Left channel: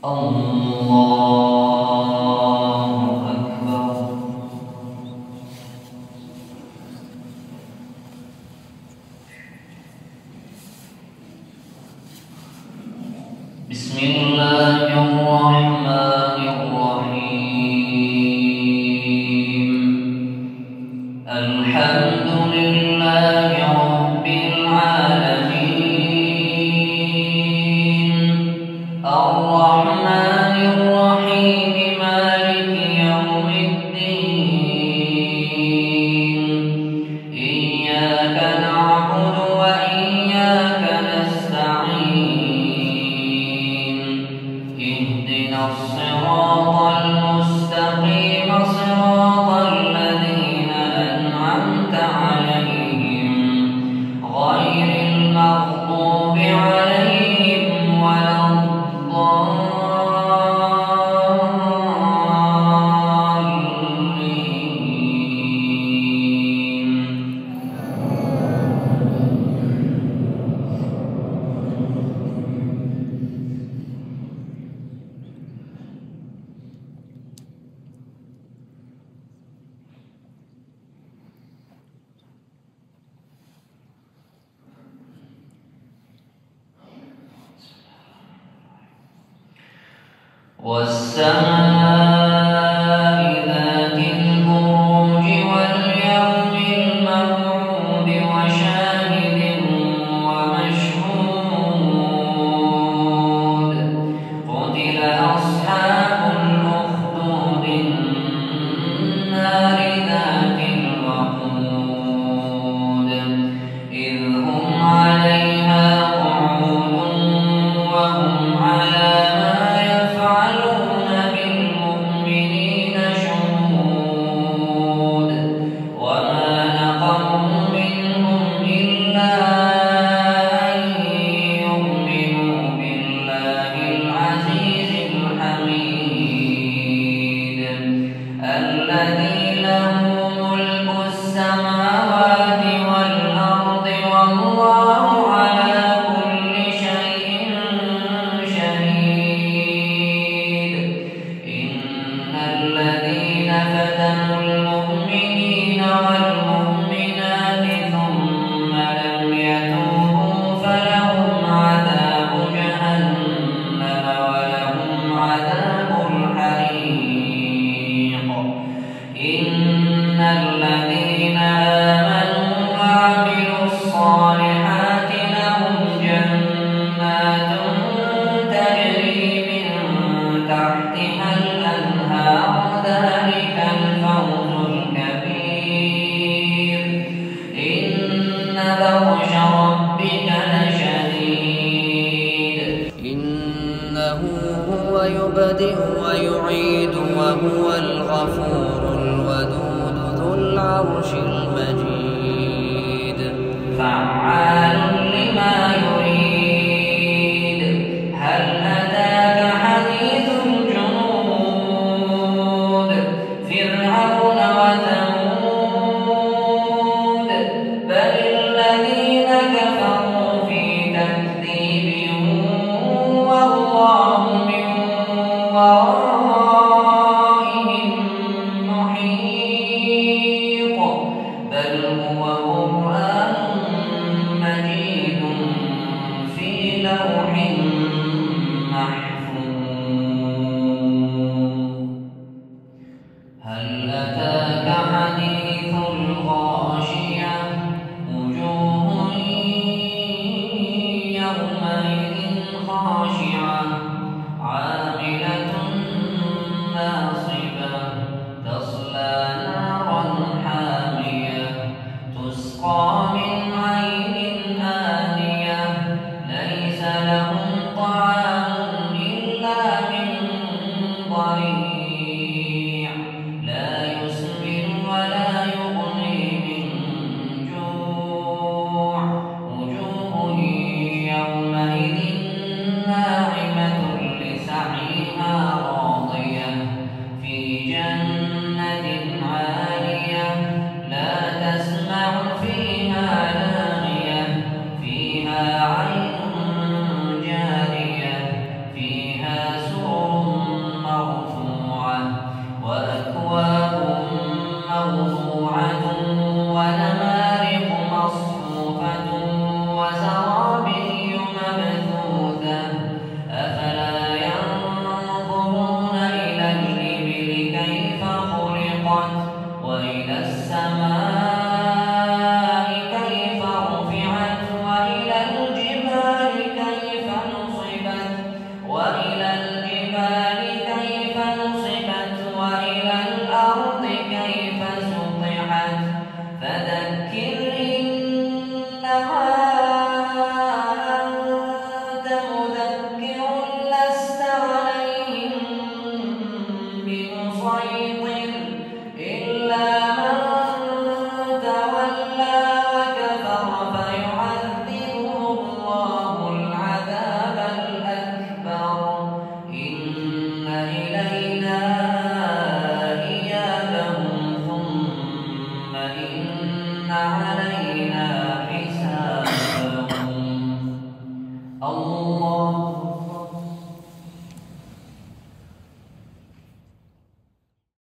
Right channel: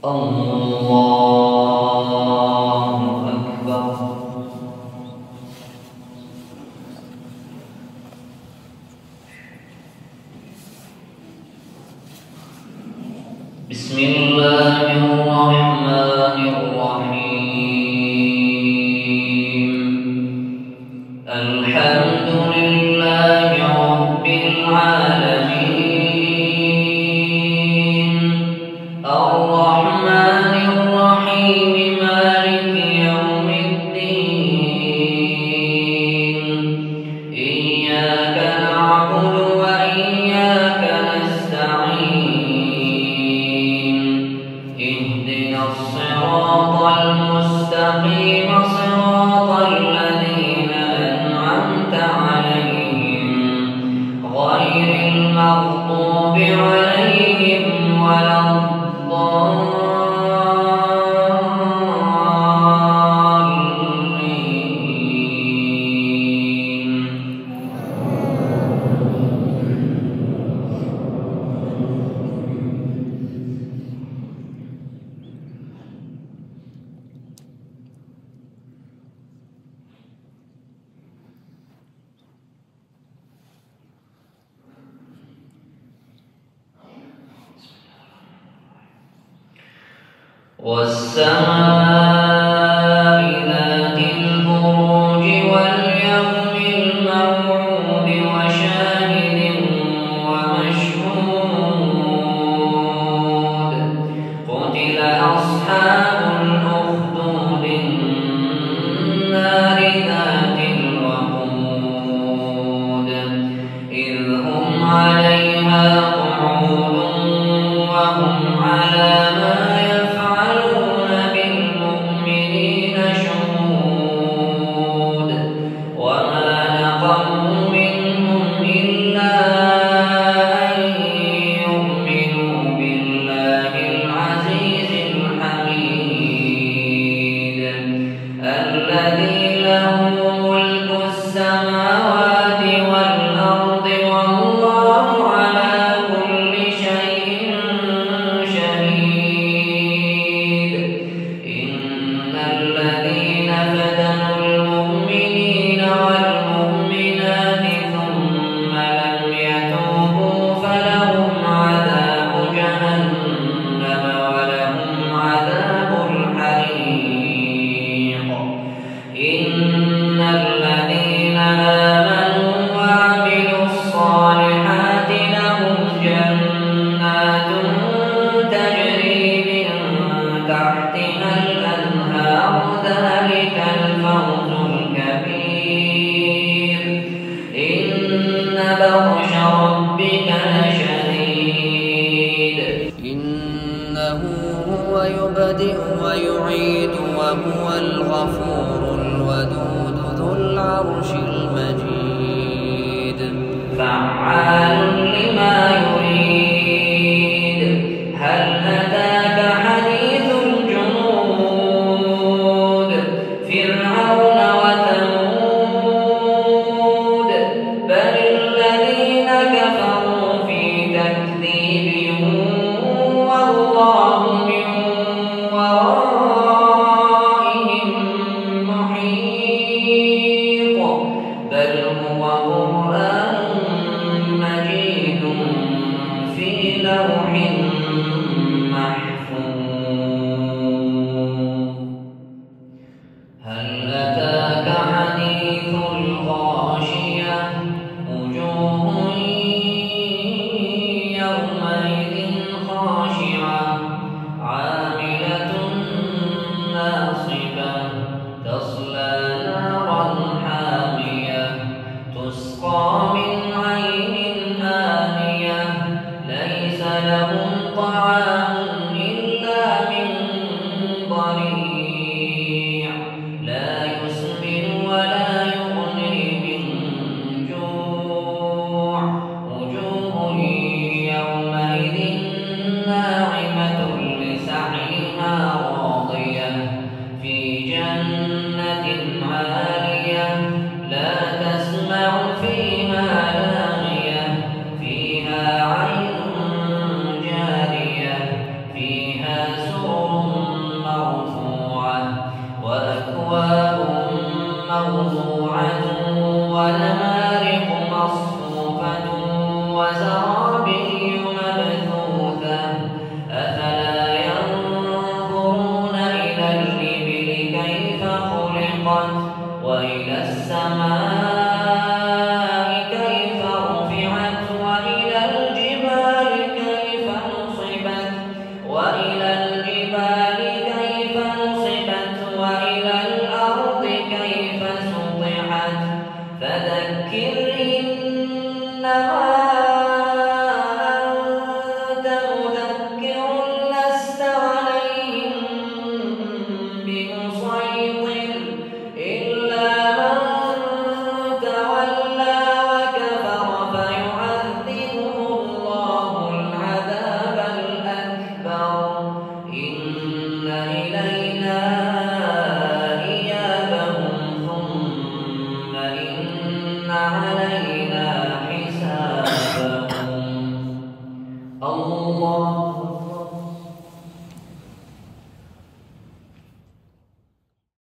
الله أكبر. بسم الله الرحمن الرحيم. الحمد لله رب العالمين، الرحمن الرحيم، مالك يوم الدين. إياك نعبد وإياك نستعين. اهدنا الصراط المستقيم، صراط الذين أنعمت عليهم غير المغضوب عليهم ولا الضالين. والسماء ذات البروج واليوم الموعود وشاهد ومشهود. قتل أصحاب الأخدود النار ذات الوقود إذ هم عليها قعود وهم على الذي له ملك السماوات والأرض والله على كل شيء شهيد. إن الذين فتنوا المؤمنين والمؤمنات ثم لم يتوبوا فلهم عذاب جهنم ولهم عذاب الحريق. إن الذين آمنوا وعملوا الصالحات لهم جنات تجري من تحتها الأنهار ذلك الفوز الكبير. إن بطش ربك لشديد إنه هو يبدئ ويعيد وهو الغفور الودود ذو العرش المجيد. فعال لما يريد. هل أتاك حديث الجنود فرعون وثمود بل الذين كفروا في تكذيب والله من ورائهم محيط. بل هو قرآن مجيد في لوح محفوظ. هل أتاك حديث الغاشية وجوه يومئذ خاشعة عاملة ناصبة تصلى نارا حامية تسقى من عين آنية ليس لهم طعام إلا من ضريع لا يسمن ولا يغني من جوع. وجوه يومئذ ناعمة لسعيها راضية في جنة عالية لا تسمع فيها لاغية فيها عين علينا حسابهم الله